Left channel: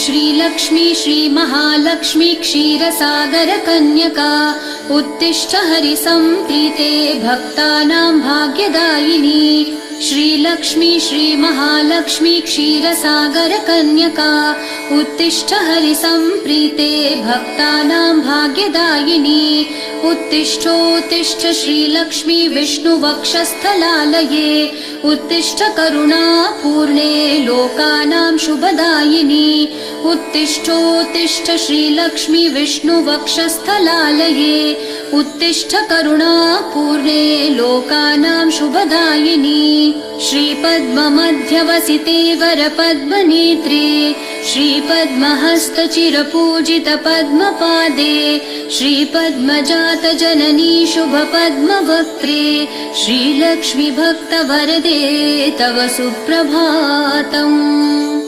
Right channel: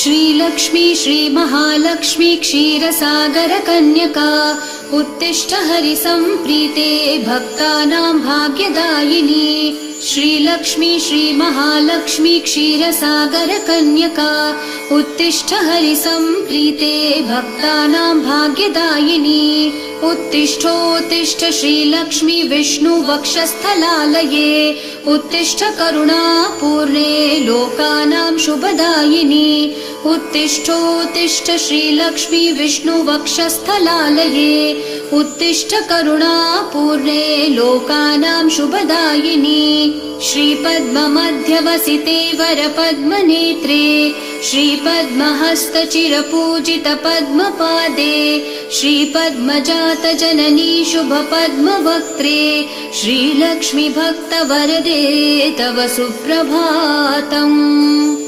श्रीलक्ष्मी श्रीमहालक्ष्मी क्षीरसागर कन्यका उत्तिष्ठ हरिसम्प्रीते भक्तानां भाग्यदायिनी श्रीलक्ष्मी श्रीमहालक्ष्मी क्षीरसागर कन्यका उत्तिष्ठ हरिसम्प्रीते भक्तानां भाग्यदायिनी उत्तिष्ठोत्तिष्ठ श्रीलक्ष्मी विष्णुवक्षस्थलालये उत्तिष्ठ करुणापूर्णे लोकानां शुभदायिनी उत्तिष्ठोत्तिष्ठ श्रीलक्ष्मी विष्णुवक्षस्थलालये उत्तिष्ठ करुणापूर्णे लोकानां शुभदायिनी श्रीपद्ममध्यवसिते वरपद्मनेत्रे श्रीपद्महस्तचिरपूजित पद्मपादे श्रीपद्मजात जननी शुभपद्मवक्त्रे श्रीलक्ष्मी भक्तवरदे तव सुप्रभातम्।